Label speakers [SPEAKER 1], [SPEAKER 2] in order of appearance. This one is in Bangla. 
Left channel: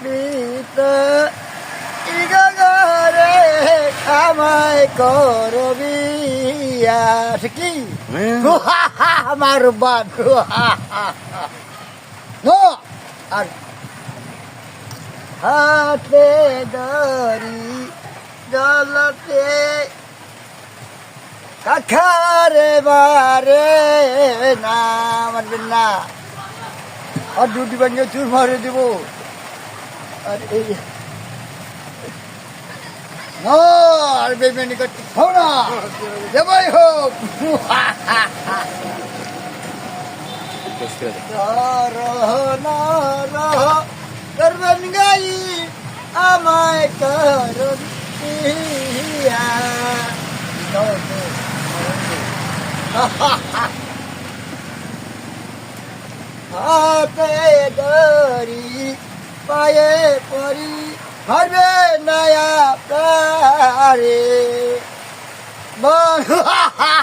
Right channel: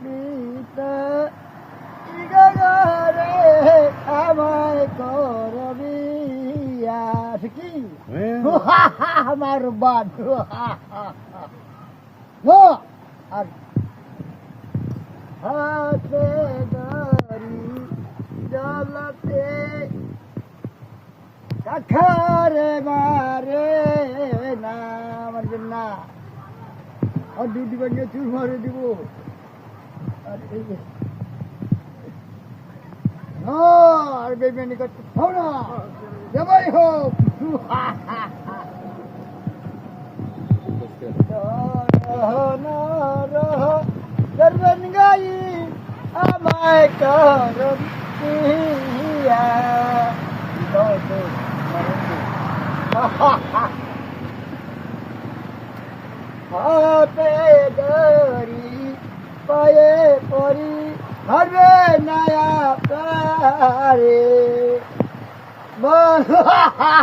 [SPEAKER 1] পিত ইগরে আমায় করবি আর কি? আমার বান আর হাতে দরি জলতে কাখারে বারে না মারবেন না আর দুটি বানিয়ে চুর মারে দিব। আর এই আর বেমেনি করতে খাও না যাবাই হোক। করবেন গাই আমায় করন পায়ে পরি হবে নয়া কারে মন